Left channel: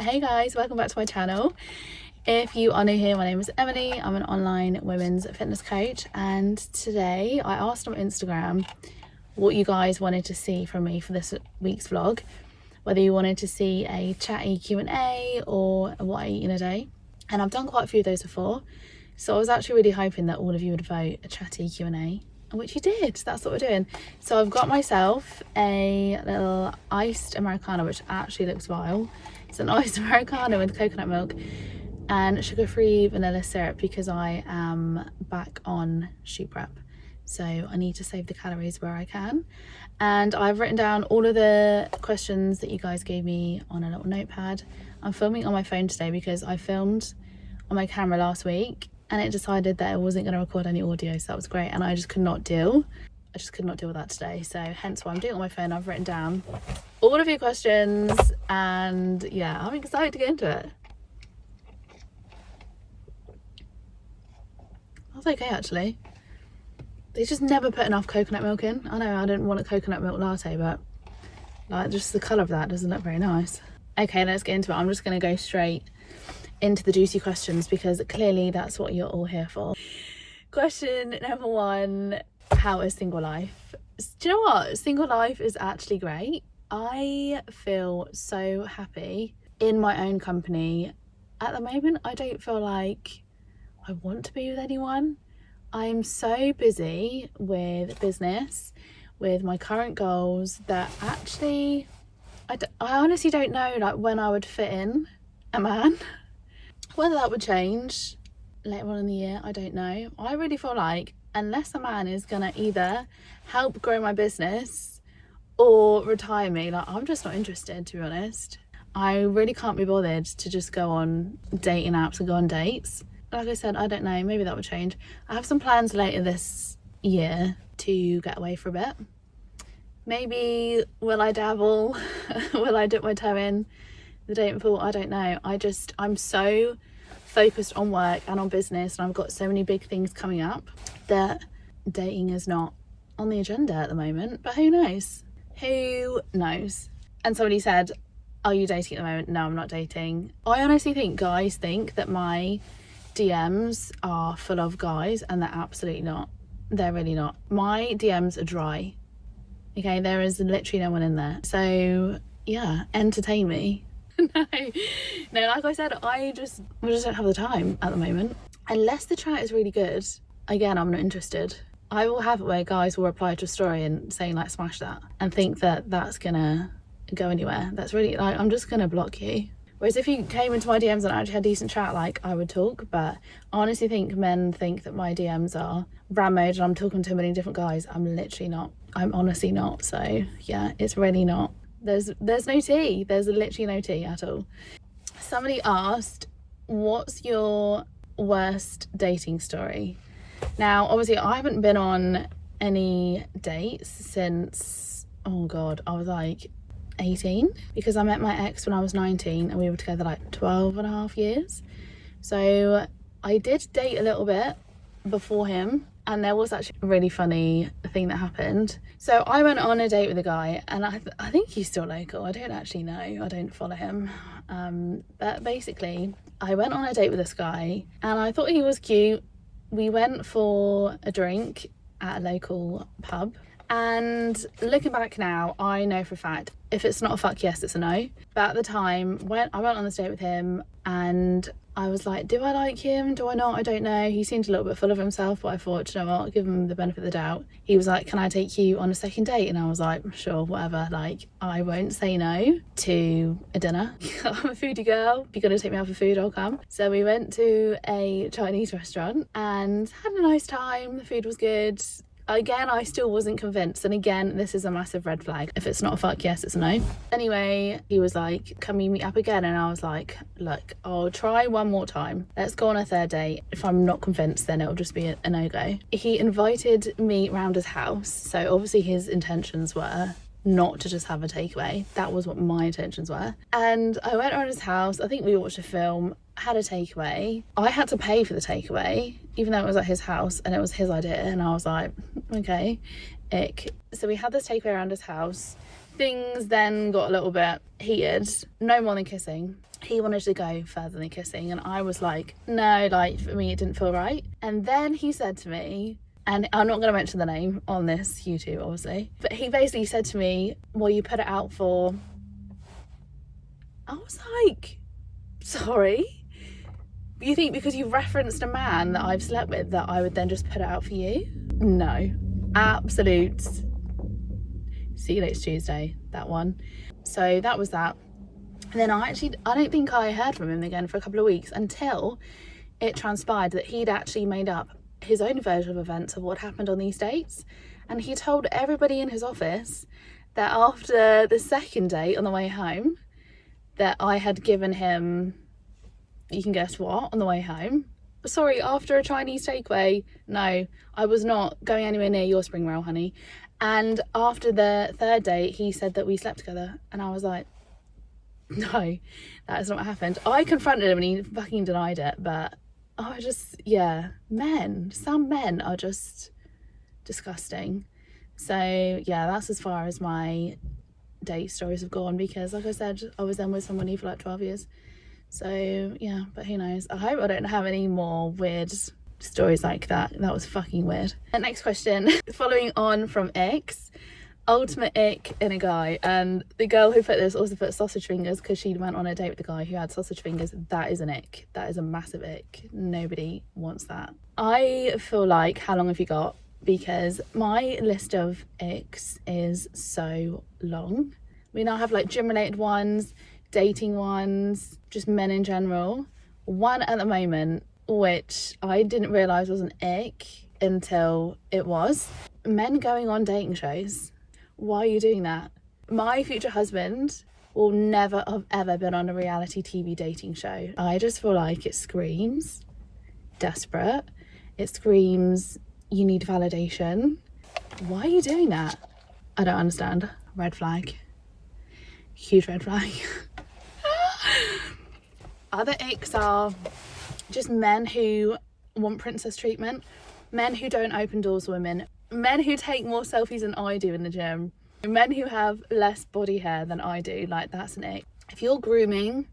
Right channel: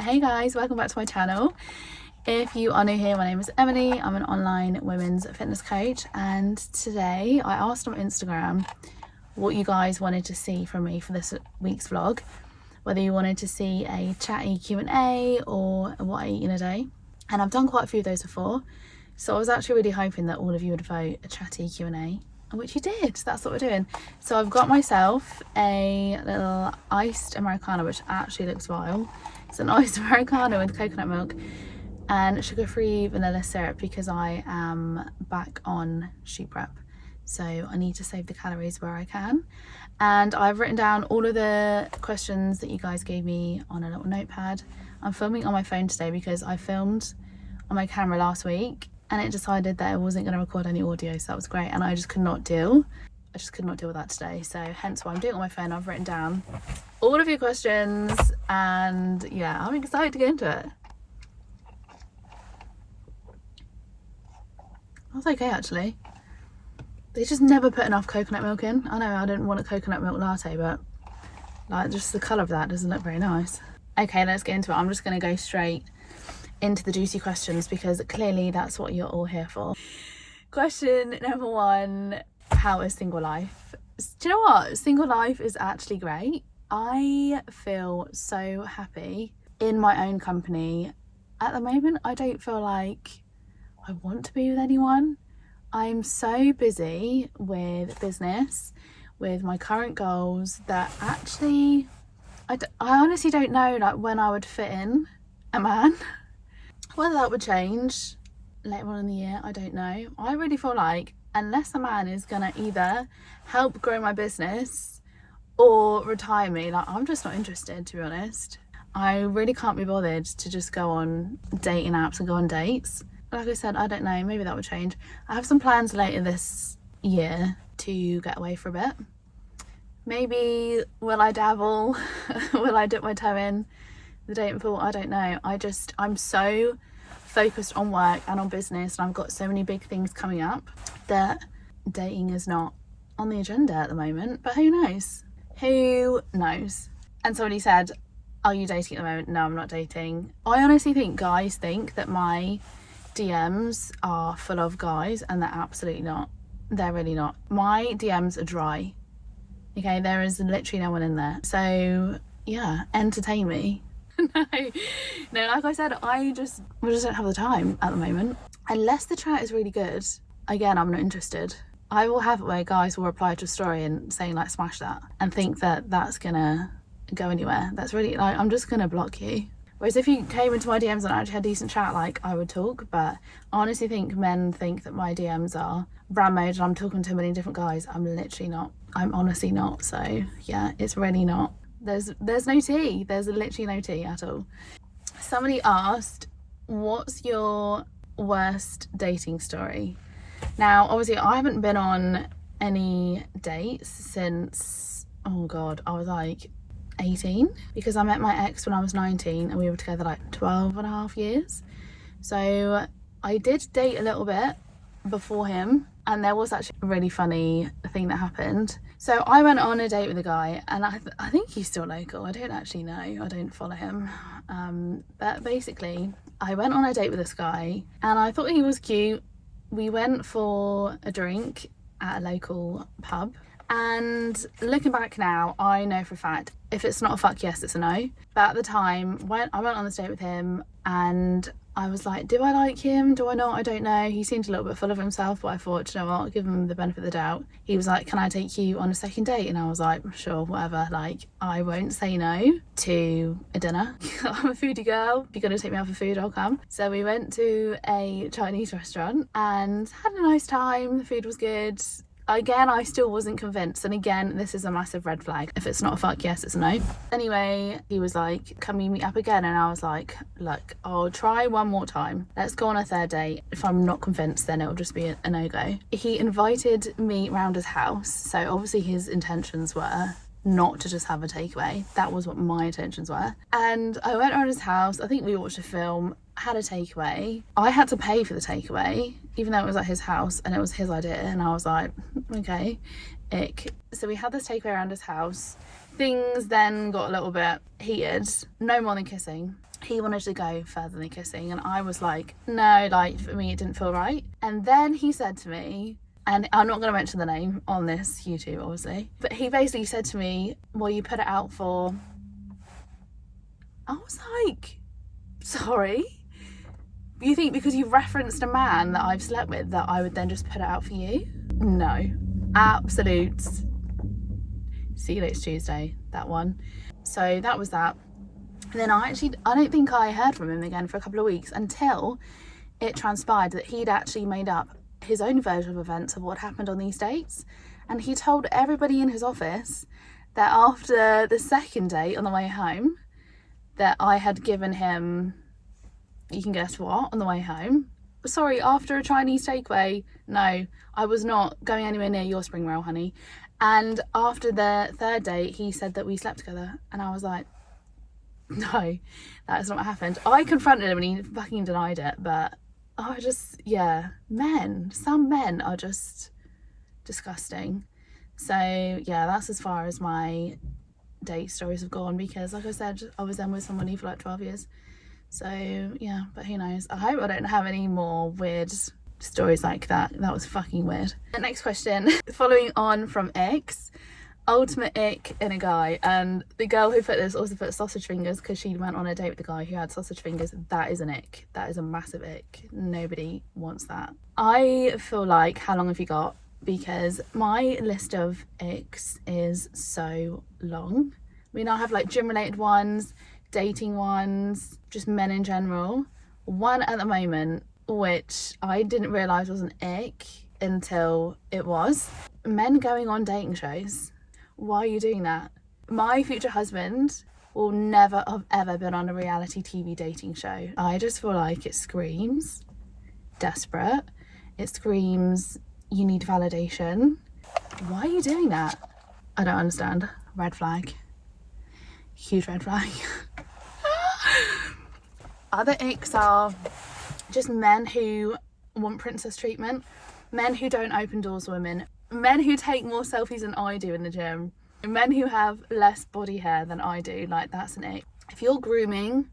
Hey guys, welcome back to my channel. If you are new here, my name is Emily. I'm an online women's fitness coach, and today I asked on Instagram what you guys wanted to see from me for this week's vlog, whether you wanted to see a chatty Q&A or what I eat in a day. And I've done quite a few of those before, so I was actually really hoping that all of you would vote a chatty Q&A, which you did. That's what we're doing. So I've got myself a little iced Americano, which actually looks vile. It's an iced Americano with coconut milk and sugar-free vanilla syrup because I am back on shoot prep. So I need to save the calories where I can. And I've written down all of the questions that you guys gave me on a little notepad. I'm filming on my phone today because I filmed on my camera last week and it decided that it wasn't going to record any audio, so that was great, and I just could not deal with that today, so hence why I'm doing it on my phone. I've written down all of your questions and yeah, I'm excited to get into it. That's okay actually. They just never put enough coconut milk in. I know I didn't want a coconut milk latte, but like just the colour of that doesn't look very nice. Okay, let's get into it. I'm just going to go straight into the juicy questions because clearly that's what you're all here for. Question number one, how is single life? Do you know what? Single life is actually great. I feel so happy in my own company. At the moment, I don't feel like I want to be with anyone. I'm so busy with business, with my current goals, that actually I honestly don't know like when I would fit in a man. Whether that would change later on in the year, I don't know. I really feel like unless a man is gonna either help grow my business or retire me, like I'm just not interested, to be honest. I really can't be bothered to just go on dating apps and go on dates. Like I said, I don't know, maybe that would change. I have some plans later this year to get away for a bit. Maybe will I dabble? Will I dip my toe in the dating pool? I don't know. I'm so focused on work and on business, and I've got so many big things coming up that dating is not on the agenda at the moment, but who knows? Who knows? And somebody said, are you dating at the moment? No, I'm not dating. I honestly think guys think that my DMs are full of guys, and they're absolutely not. They're really not. My DMs are dry. Okay, there is literally no one in there. So yeah, entertain me. No, like I said, I just don't have the time at the moment. Unless the chat is really good, again, I'm not interested. I will have it where guys will reply to a story and saying like smash that and think that that's gonna go anywhere. That's really like, I'm just gonna block you. Whereas if you came into my DMs and actually had decent chat, like I would talk. But I honestly think men think that my DMs are brand mode and I'm talking to a million different guys. I'm literally not. I'm honestly not. So yeah, it's really not. There's no tea. There's literally no tea at all. Somebody asked, what's your worst dating story? Now, obviously, I haven't been on any dates since, oh God, I was like 18, because I met my ex when I was 19 and we were together like 12 and a half years. So I did date a little bit before him, and there was actually a really funny thing that happened. So I went on a date with a guy, and I think he's still local. I don't actually know. I don't follow him. But basically, I went on a date with this guy, and I thought he was cute. We went for a drink at a local pub. And looking back now, I know for a fact, if it's not a fuck yes, it's a no. But at the time, when I went on this date with him, and I was like, do I like him? Do I not? I don't know. He seemed a little bit full of himself, but I thought, you know what, I'll give him the benefit of the doubt. He was like, can I take you on a second date? And I was like, sure, whatever. Like, I won't say no to a dinner. I'm a foodie girl. If you're going to take me out for food, I'll come. So we went to a Chinese restaurant and had a nice time. The food was good. Again, I still wasn't convinced, and again, this is a massive red flag. If it's not a fuck yes, it's a no. Anyway, he was like, can we meet up again? And I was like, look, I'll try one more time. Let's go on a third date. If I'm not convinced, then it'll just be a no-go. He invited me round his house, so obviously his intentions were not to just have a takeaway. That was what my intentions were. And I went around his house. I think we watched a film, had a takeaway. I had to pay for the takeaway, even though it was at his house and it was his idea. And I was like, okay, ick. So we had this takeaway around his house. Things then got a little bit heated. No more than kissing. he wanted to go further than kissing, and I was like, no, like for me it didn't feel right. And then he said to me, and I'm not going to mention the name on this YouTube obviously, but he basically said to me, well, you put it out for, I was like, sorry, you think because you referenced a man that I've slept with that I would then just put it out for you? No, absolute, see you next Tuesday, that one. So that was that. And then I don't think I heard from him again for a couple of weeks, until it transpired that he'd actually made up his own version of events of what happened on these dates. And he told everybody in his office that after the second date on the way home, that I had given him, you can guess what, on the way home. Sorry, after a Chinese takeaway. No, I was not going anywhere near your spring roll, honey. And after the third date, he said that we slept together. And I was like, no, that is not what happened. I confronted him and he fucking denied it, but I just, yeah, some men are just disgusting. So yeah, that's as far as my date stories have gone, because like I said, I was then with somebody for like 12 years. So yeah, but who knows? I hope I don't have any more weird stories like that. That was fucking weird. The next question, following on from Icks, ultimate ick in a guy. And the girl who put this also put sausage fingers because she went on a date with the guy who had sausage fingers. That is an ick. That is a massive ick. Nobody wants that. I feel like, how long have you got? Because my list of icks is so long. I mean, I have like gym related ones, dating ones, just men in general. One at the moment, which I didn't realise was an ick until it was. Men going on dating shows. Why are you doing that? My future husband will never have ever been on a reality TV dating show. I just feel like it screams desperate. It screams you need validation. Why are you doing that? I don't understand. Red flag. Huge red flag. Other icks are just men who want princess treatment, men who don't open doors to women, men who take more selfies than I do in the gym, men who have less body hair than I do. Like, that's an ick. If your grooming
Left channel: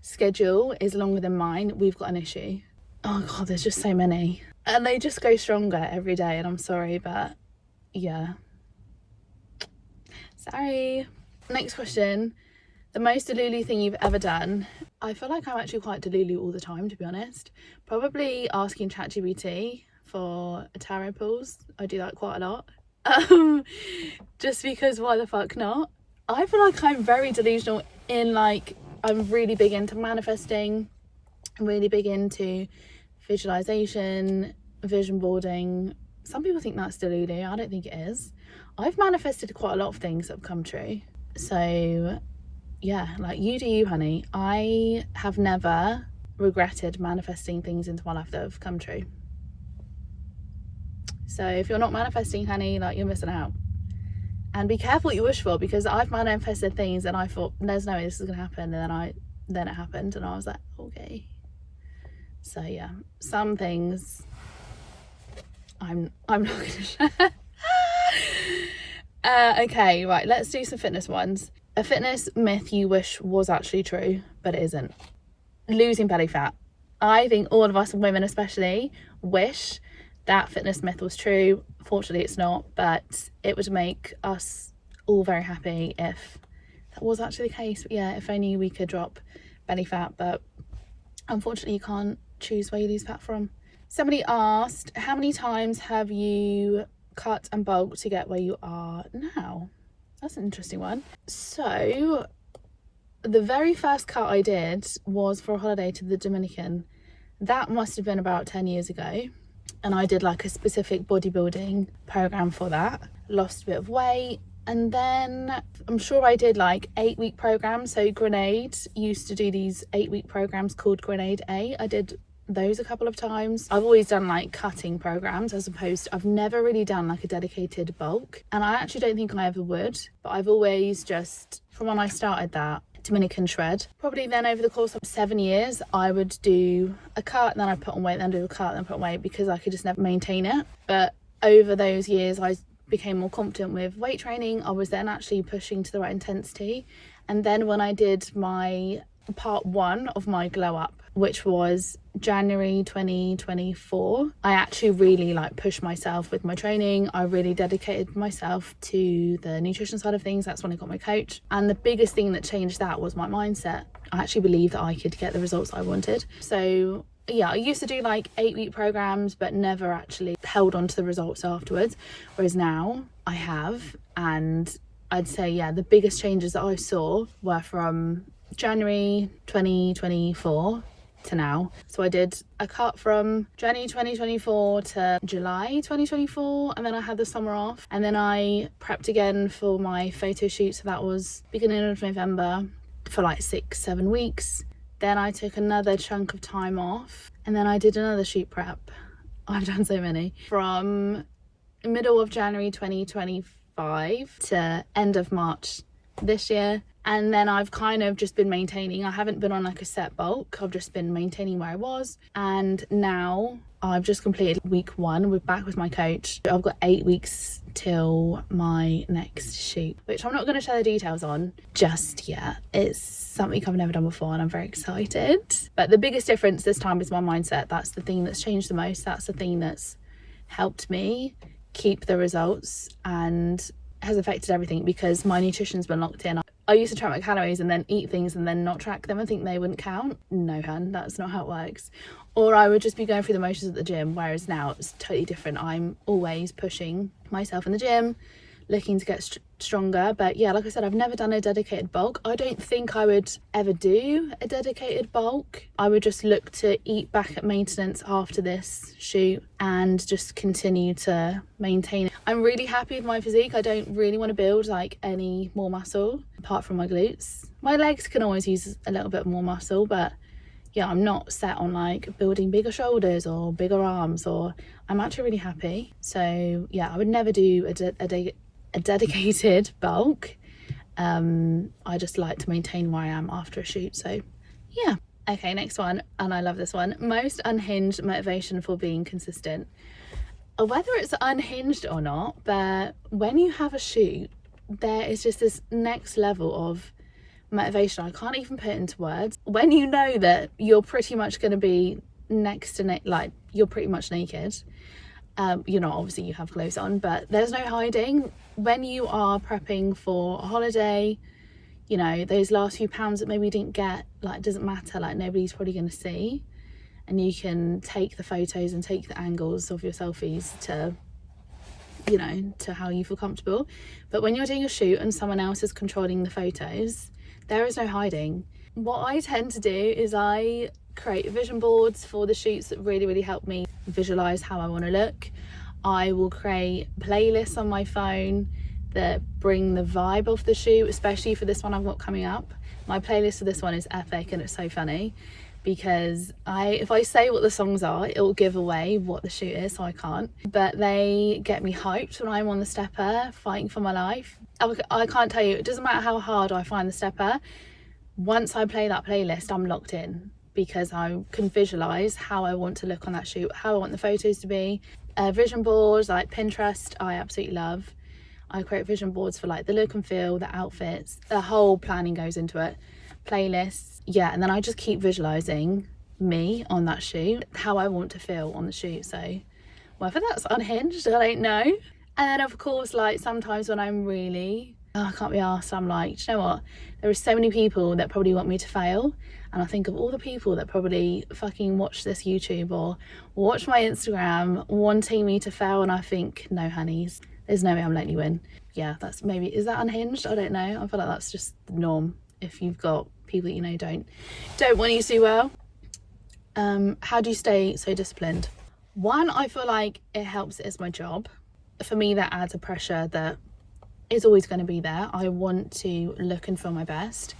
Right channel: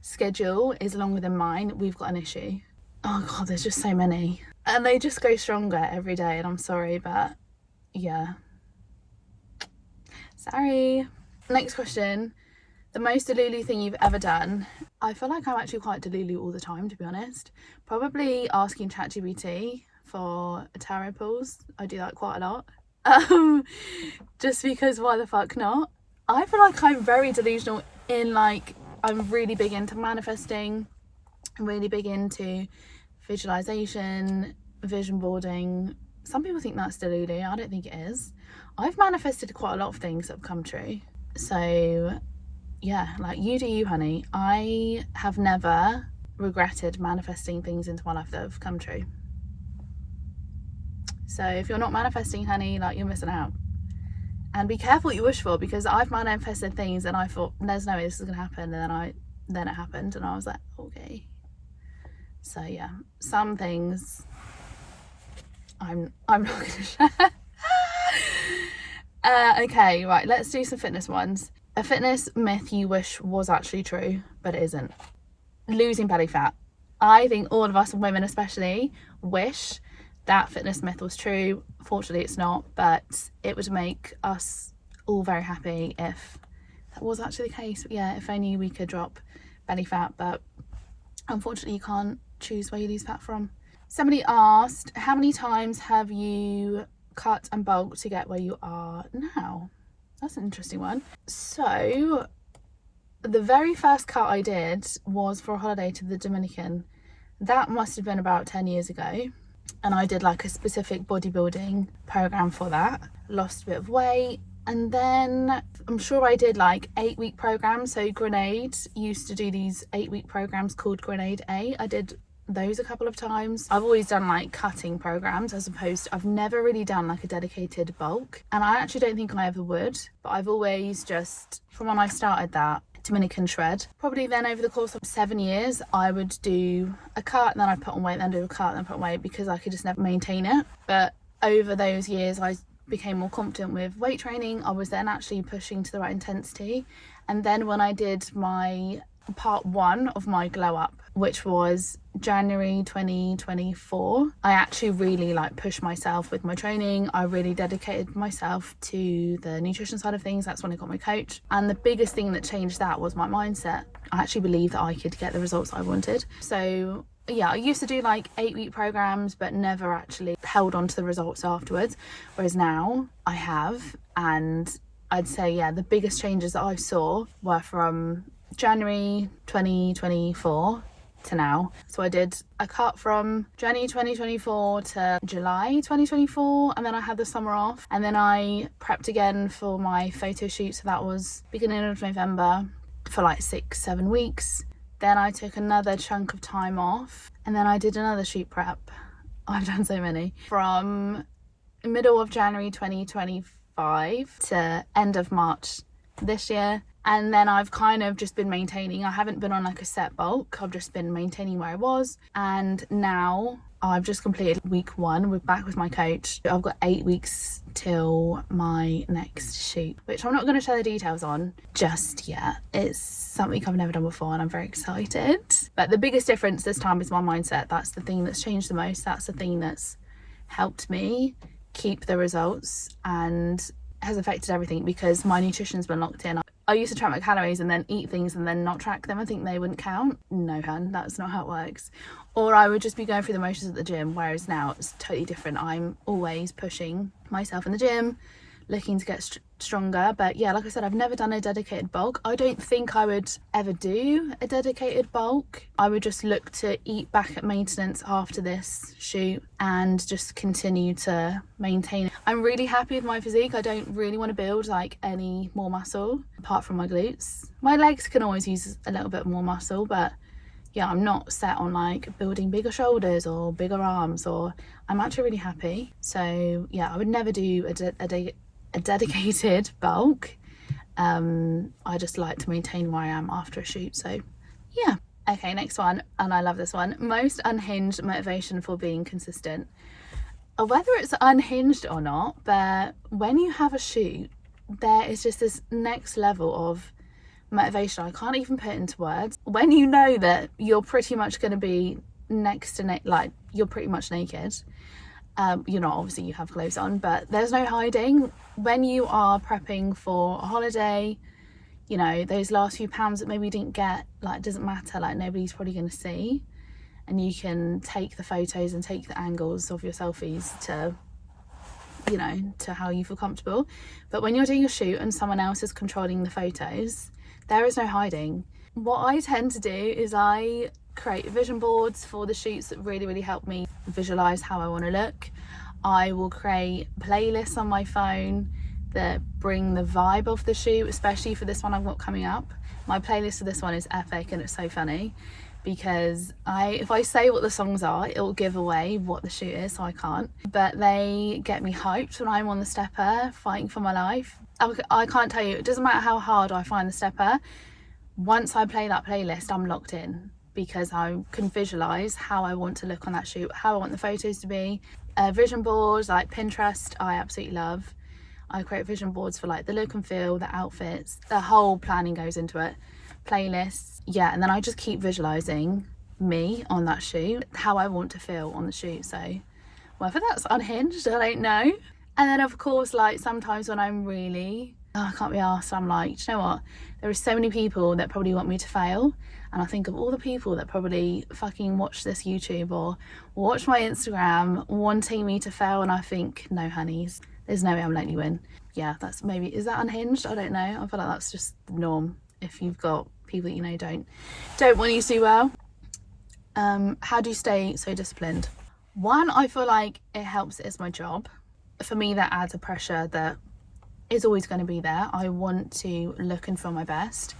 schedule is longer than mine, we've got an issue. Oh god, there's just so many, and they just go stronger every day, and I'm sorry, but yeah, sorry. Next question, the most delulu thing you've ever done. I feel like I'm actually quite delulu all the time, to be honest. Probably asking ChatGPT for tarot pulls. I do that quite a lot. Just because why the fuck not? I feel like I'm very delusional in, like, I'm really big into manifesting. I'm really big into visualization, vision boarding. Some people think that's delulu. I don't think it is. I've manifested quite a lot of things that have come true. So yeah, like, you do you, honey. I have never regretted manifesting things into my life that have come true. So if you're not manifesting, honey, like, you're missing out. And be careful what you wish for, because I've manifested things and I thought there's no way this is gonna happen, and then it happened, and I was like, okay. So yeah, some things I'm not gonna share. Okay, right, let's do some fitness ones. A fitness myth you wish was actually true, but it isn't. Losing belly fat. I think all of us women especially wish that fitness myth was true. Fortunately it's not, but it would make us all very happy if that was actually the case. But yeah, if only we could drop belly fat, but unfortunately you can't choose where you lose fat from. Somebody asked, how many times have you cut and bulked to get where you are now? That's an interesting one. So the very first cut I did was for a holiday to the Dominican. That must have been about 10 years ago. And I did like a specific bodybuilding program for that. Lost a bit of weight. And then I'm sure I did like 8-week programs. So Grenade used to do these 8-week programs called Grenade A. I did those a couple of times. I've always done like cutting programs, as opposed to, I've never really done like a dedicated bulk, and I actually don't think I ever would, but I've always just, from when I started that Dominican shred, probably then over the course of 7 years, I would do a cut, then I'd put on weight, then do a cut, then put on weight, because I could just never maintain it. But over those years I became more confident with weight training. I was then actually pushing to the right intensity, and then when I did my part 1 of my glow up, which was January 2024. I actually really like pushed myself with my training. I really dedicated myself to the nutrition side of things. That's when I got my coach, and the biggest thing that changed that was my mindset. I actually believed that I could get the results I wanted. So yeah, I used to do like 8-week programs but never actually held on to the results afterwards, whereas now I have. And I'd say, yeah, the biggest changes that I saw were from January 2024 to now. So I did a cut from January 2024 to July 2024, and then I had the summer off, and then I prepped again for my photo shoot. So that was beginning of November for like 6-7 weeks. Then I took another chunk of time off, and then I did another shoot prep. I've done so many. From middle of January 2025 to end of March this year. And then I've kind of just been maintaining. I haven't been on like a set bulk. I've just been maintaining where I was. And now I've just completed week 1. We're back with my coach. I've got 8 weeks till my next shoot, which I'm not going to share the details on just yet. It's something I've never done before and I'm very excited. But the biggest difference this time is my mindset. That's the thing that's changed the most. That's the thing that's helped me keep the results and has affected everything, because my nutrition's been locked in. I used to track my calories and then eat things and then not track them. I think they wouldn't count. No, hun, that's not how it works. Or I would just be going through the motions at the gym, whereas now it's totally different. I'm always pushing myself in the gym, looking to get stronger. But yeah, like I said, I've never done a dedicated bulk. I don't think I would ever do a dedicated bulk. I would just look to eat back at maintenance after this shoot and just continue to maintain it. I'm really happy with my physique. I don't really want to build like any more muscle apart from my glutes. My legs can always use a little bit more muscle, but yeah, I'm not set on like building bigger shoulders or bigger arms, or I'm actually really happy. So yeah, I would never do a dedicated bulk. I just like to maintain where I am after a shoot. So yeah. Okay, next one, and I love this one. Most unhinged motivation for being consistent. Whether it's unhinged or not, but when you have a shoot, there is just this next level of motivation. I can't even put it into words. When you know that you're pretty much going to be next to like you're pretty much naked. You're not, obviously you have clothes on, but there's no hiding. When you are prepping for a holiday, you know, those last few pounds that maybe you didn't get, like, it doesn't matter, like nobody's probably going to see, and you can take the photos and take the angles of your selfies to, you know, to how you feel comfortable. But when you're doing a shoot and someone else is controlling the photos, there is no hiding. What I tend to do is I create vision boards for the shoots that really help me visualize how I want to look. I will create playlists on my phone that bring the vibe of the shoot, especially for this one I've got coming up. My playlist for this one is epic, and it's so funny because if I say what the songs are, it'll give away what the shoot is, so I can't. But they get me hyped when I'm on the stepper fighting for my life. I can't tell you, it doesn't matter how hard I find the stepper. Once I play that playlist, I'm locked in, because I can visualize how I want to look on that shoot, how I want the photos to be. Vision boards like Pinterest, I absolutely love. I create vision boards for like the look and feel, the outfits, the whole planning goes into it. Playlists, yeah, and then I just keep visualizing me on that shoot, how I want to feel on the shoot. So whether that's unhinged, I don't know. And then of course, like sometimes when I'm really, I can't be arsed, I'm like, do you know what? There are so many people that probably want me to fail. And I think of all the people that probably fucking watch this YouTube or watch my Instagram wanting me to fail. And I think, no, honeys, there's no way I'm letting you win. Yeah, that's maybe, is that unhinged? I don't know. I feel like that's just the norm. If you've got people that you know don't want you to do well. How do you stay so disciplined? One, I feel like it helps as my job. For me, that adds a pressure that is always going to be there. I want to look and feel my best.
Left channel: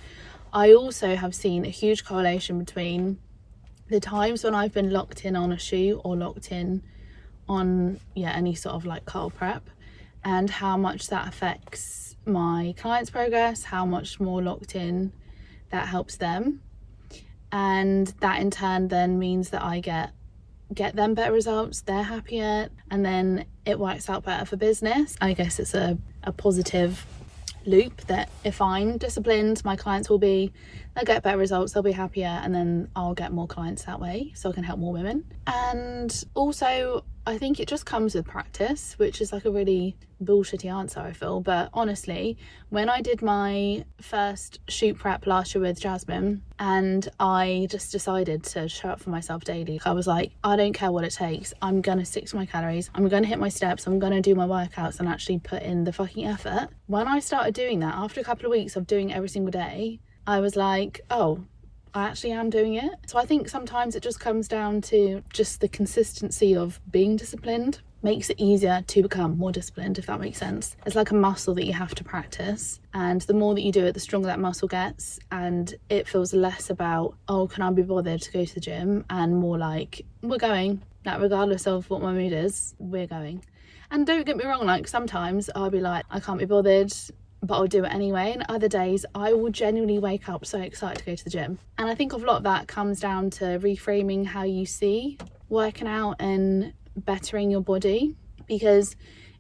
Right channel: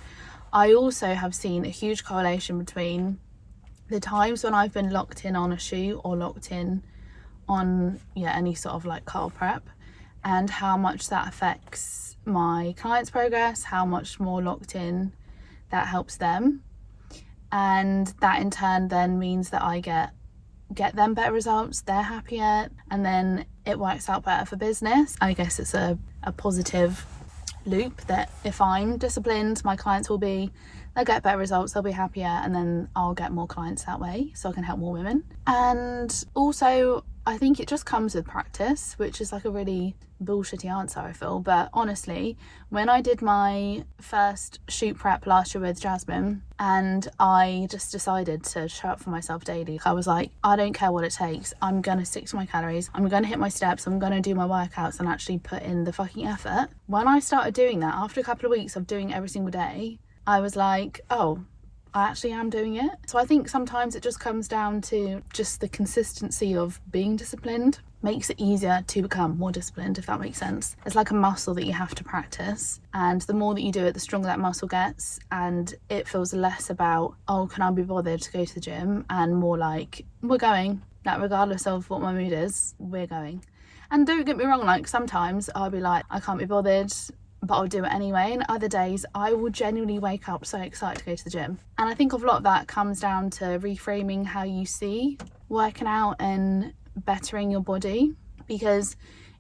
I also have seen a huge correlation between the times when I've been locked in on a shoot or locked in on any sort of like cut or prep, and how much that affects my clients' progress, how much more locked in that helps them, and that in turn then means that I get them better results, they're happier, and then it works out better for business. I guess it's a positive loop that if I'm disciplined, my clients will be, they'll get better results, they'll be happier, and then I'll get more clients that way, so I can help more women. And also I think it just comes with practice, which is like a really bullshitty answer, I feel, but honestly, when I did my first shoot prep last year with Jasmine and I just decided to show up for myself daily, I was like, I don't care what it takes, I'm gonna stick to my calories, I'm gonna hit my steps, I'm gonna do my workouts and actually put in the fucking effort. When I started doing that, after a couple of weeks of doing it every single day, I was like, oh, I actually am doing it. So I think sometimes it just comes down to just the consistency of being disciplined. Makes it easier to become more disciplined, if that makes sense. It's like a muscle that you have to practice, and the more that you do it, the stronger that muscle gets, and it feels less about, oh, can I be bothered to go to the gym, and more like, we're going, like regardless of what my mood is, we're going. And don't get me wrong, like sometimes I'll be like, I can't be bothered, but I'll do it anyway, and other days I will genuinely wake up so excited to go to the gym. And I think a lot of that comes down to reframing how you see working out and bettering your body, because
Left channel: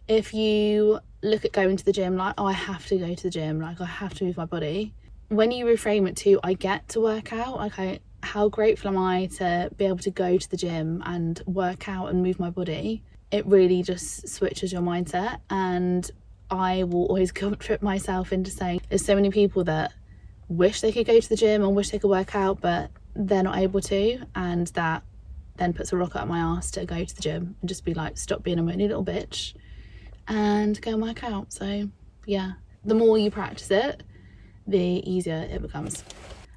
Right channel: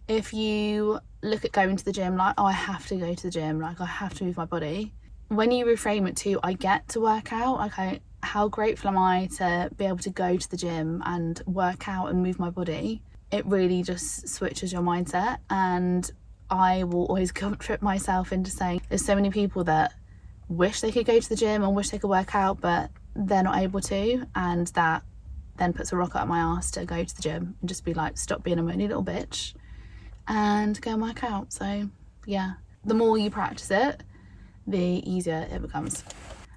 if you look at going to the gym like, oh, I have to go to the gym, like I have to move my body, when you reframe it to, I get to work out, okay, how grateful am I to be able to go to the gym and work out and move my body, it really just switches your mindset. And I will always guilt trip myself into saying, there's so many people that wish they could go to the gym and wish they could work out, but they're not able to, and that then puts a rock up my ass to go to the gym and just be like, stop being a moany little bitch and go and work out. So yeah, the more you practice it, the easier it becomes.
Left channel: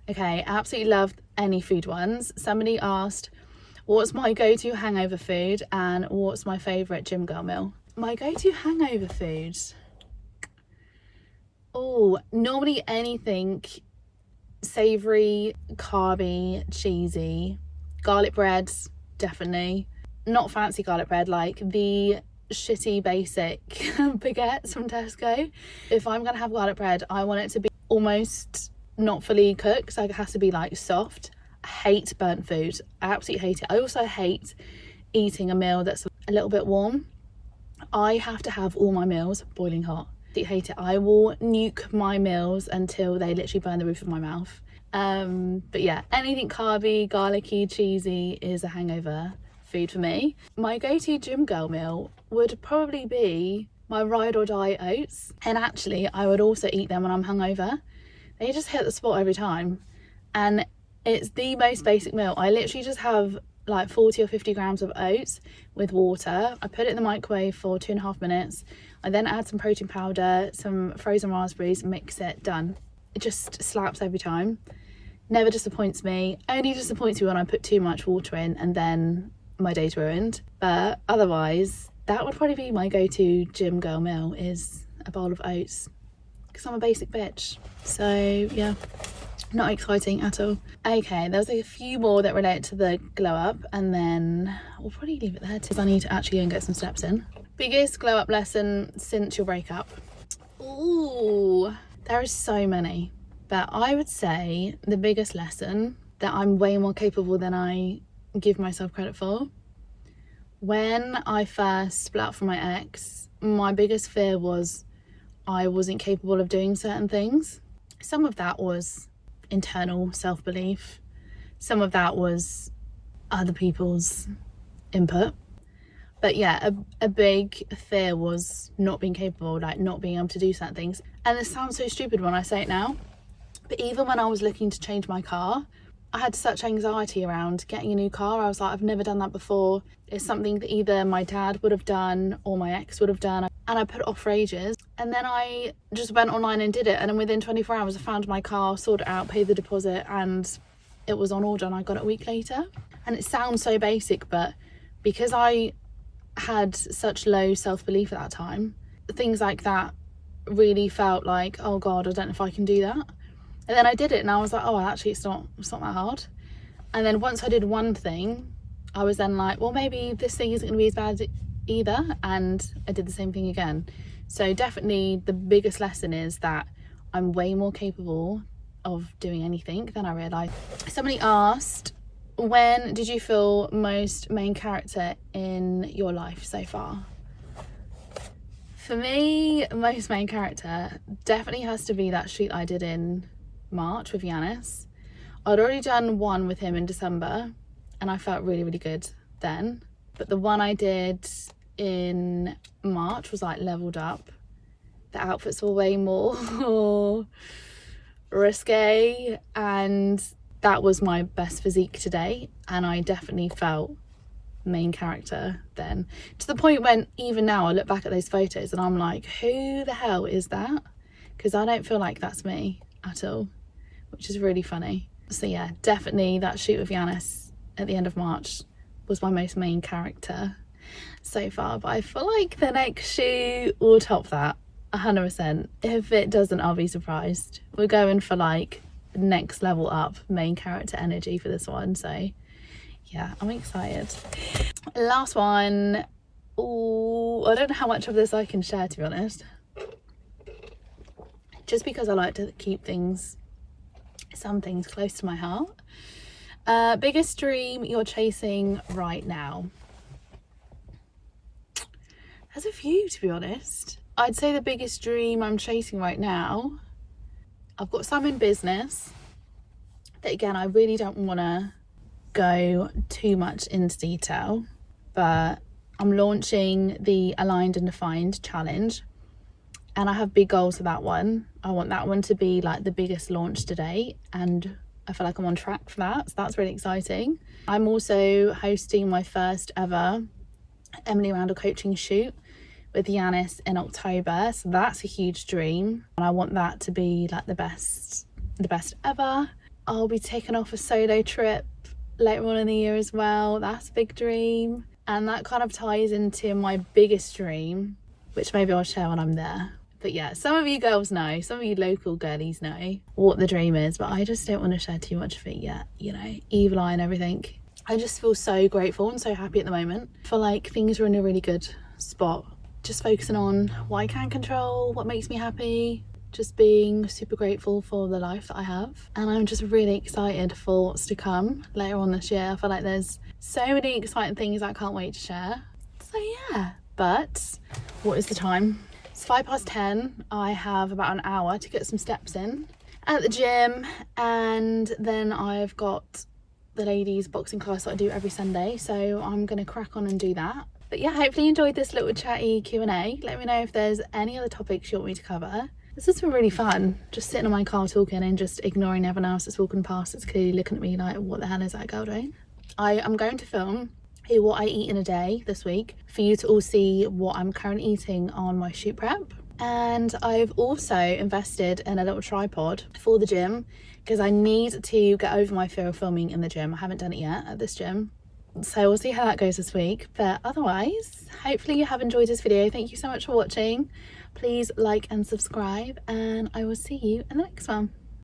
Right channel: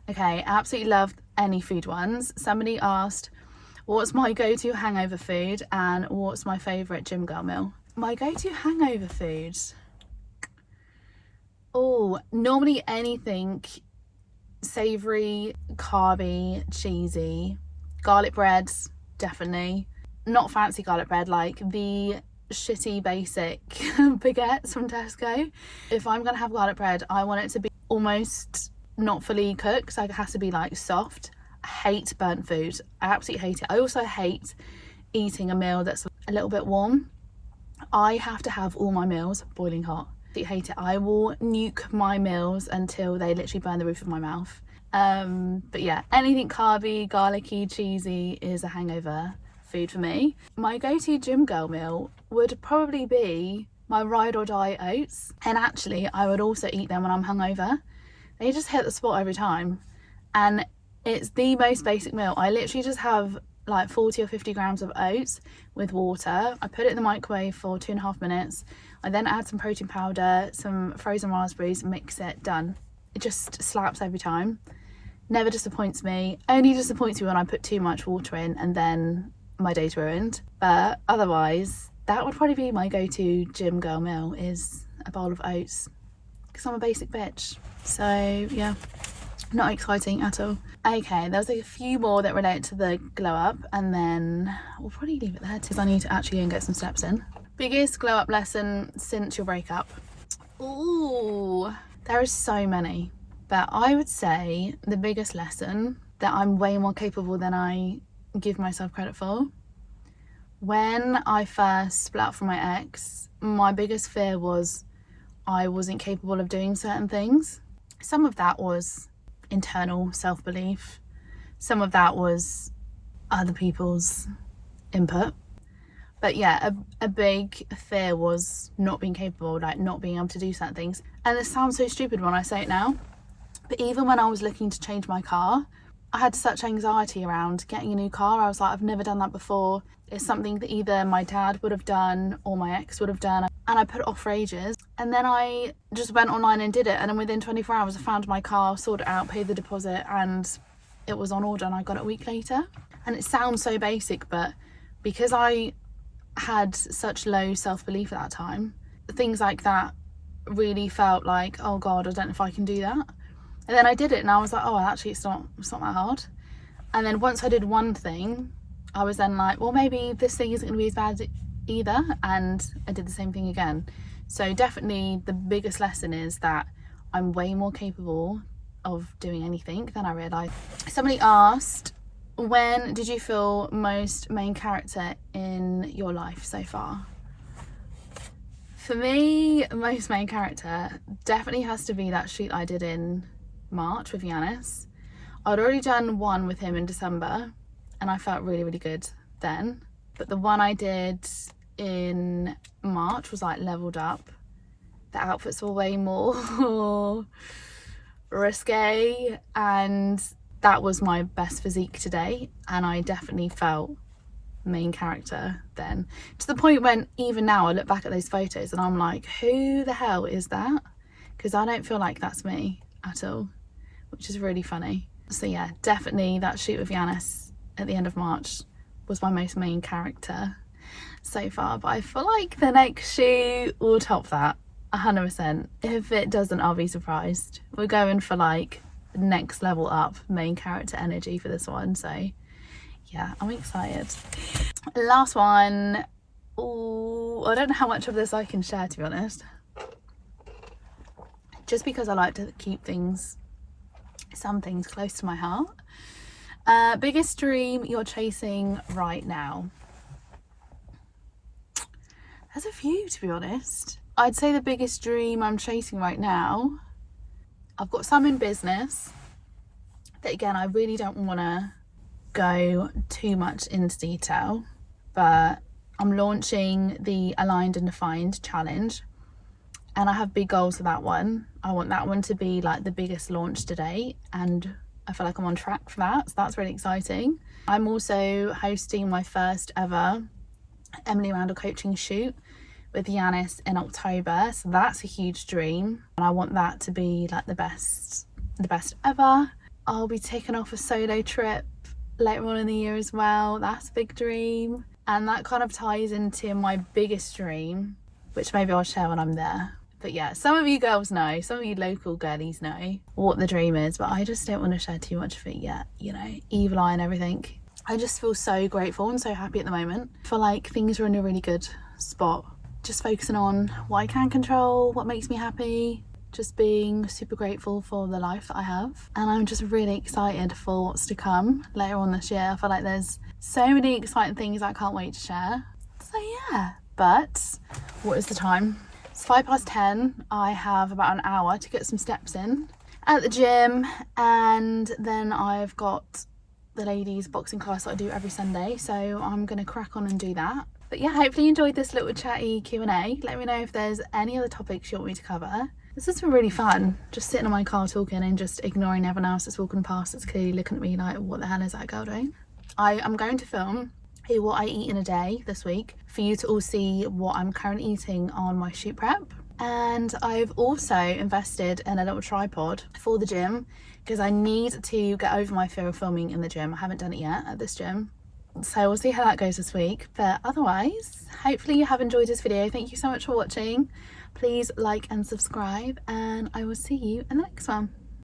Okay, absolutely love any food ones. Somebody asked, what's my go-to hangover food and what's my favourite gym girl meal? My go-to hangover food? Oh, normally anything savoury, carby, cheesy. Garlic breads, definitely. Not fancy garlic bread, like the shitty basic baguettes from Tesco. If I'm gonna have garlic bread, I want it to be almost not fully cooked, so it has to be like soft. I hate burnt food, I absolutely hate it. I also hate eating a meal that's a little bit warm. I have to have all my meals boiling hot. I hate it. I will nuke my meals until they literally burn the roof of my mouth. But yeah, anything carby, garlicky, cheesy is a hangover food for me. My go-to gym girl meal would probably be my ride or die oats, and actually I would also eat them when I'm hungover. They just hit the spot every time, and it's the most basic meal. I literally just have like 40 or 50 grams of oats with water. I put it in the microwave for 2.5 minutes. I then add some protein powder, some frozen raspberries, mix it, done. It just slaps every time. Never disappoints me. Only disappoints me when I put too much water in and then my day's ruined. But otherwise, that would probably be my go-to gym girl meal, is a bowl of oats, because I'm a basic bitch. So yeah, not exciting at all. Okay, there's a few more that relate to the glow up, and then we'll probably leave it there because I need to actually go and get some steps in. Biggest glow up lesson since your breakup? Ooh, there are so many, but I would say the biggest lesson that I'm way more capable than I give myself credit for. When I first split up from my ex, my biggest fear was I wasn't capable of doing certain things. Some of that was internal self-belief, some of that was other people's input, but yeah, a big fear was not being capable, like not being able to do certain things. And it sounds so stupid when I say it now, but even when I was looking to change my car, I had such anxiety around getting a new car. I was like, I've never done that before. It's something that either my dad would have done or my ex would have done, and I put it off for ages. And then I just went online and did it, and then within 24 hours I found my car, sorted it out, paid the deposit, and it was on order, and I got it a week later. And it sounds so basic, but because I had such low self-belief at that time, things like that really felt like, oh god, I don't know if I can do that. And then I did it and I was like, oh, actually it's not that hard. And then once I did one thing, I was then like, well, maybe this thing isn't going to be as bad either, and I did the same thing again. So definitely the biggest lesson is that I'm way more capable of doing anything than I realised. Somebody asked, when did you feel most main character in your life so far? For me, most main character definitely has to be that shoot I did in March with Yanis. I'd already done one with him in December and I felt really, really good then. But the one I did in March was like leveled up. The outfits were way more risque, and that was my best physique to date, and I definitely felt main character then, to the point when even now I look back at those photos and I'm like, who the hell is that? Because I don't feel like that's me at all, which is really funny. So yeah, definitely that shoot with Yanis at the end of March was my most main character so far, but I feel like the next shoot will top that 100%. If it doesn't, I'll be surprised. We're going for like next level up main character energy for this one, so yeah, I'm excited. Last one. Ooh, I don't know how much of this I can share, to be honest, just because I like to keep some things close to my heart. Biggest dream you're chasing right now? There's a few, to be honest. I'd say the biggest dream I'm chasing right now, I've got some in business that, again, I really don't want to go too much into detail, but I'm launching the Aligned and Defined challenge and I have big goals for that one. I want that one to be like the biggest launch to date, and I feel like I'm on track for that, so that's really exciting. I'm also hosting my first ever Emily Randall coaching shoot with Yanis in October, so that's a huge dream and I want that to be like the best ever. I'll be taking off a solo trip later on in the year as well. That's a big dream, and that kind of ties into my biggest dream, which maybe I'll share when I'm there. But yeah, some of you girls know, some of you local girlies know what the dream is, but I just don't want to share too much of it yet, you know, evil eye and everything. I just feel so grateful and so happy at the moment. I feel like things are in a really good spot. Just focusing on what I can control, what makes me happy, just being super grateful for the life that I have. And I'm just really excited for what's to come later on this year. I feel like there's so many exciting things I can't wait to share. So yeah, but what is the time? It's 10:05. I have about an hour to get some steps in at the gym, and then I've got the ladies boxing class that I do every Sunday, so I'm gonna crack on and do that. But yeah, hopefully you enjoyed this little chatty Q&A. Let me know if there's any other topics you want me to cover. This has been really fun, just sitting in my car talking and just ignoring everyone else that's walking past that's clearly looking at me like, what the hell is that girl doing? I am going to film what I eat in a day this week for you to all see what I'm currently eating on my shoot prep. And I've also invested in a little tripod for the gym because I need to get over my fear of filming in the gym. I haven't done it yet at this gym, so we'll see how that goes this week. But otherwise, hopefully you have enjoyed this video. Thank you so much for watching. Please like and subscribe, and I will see you in the next one.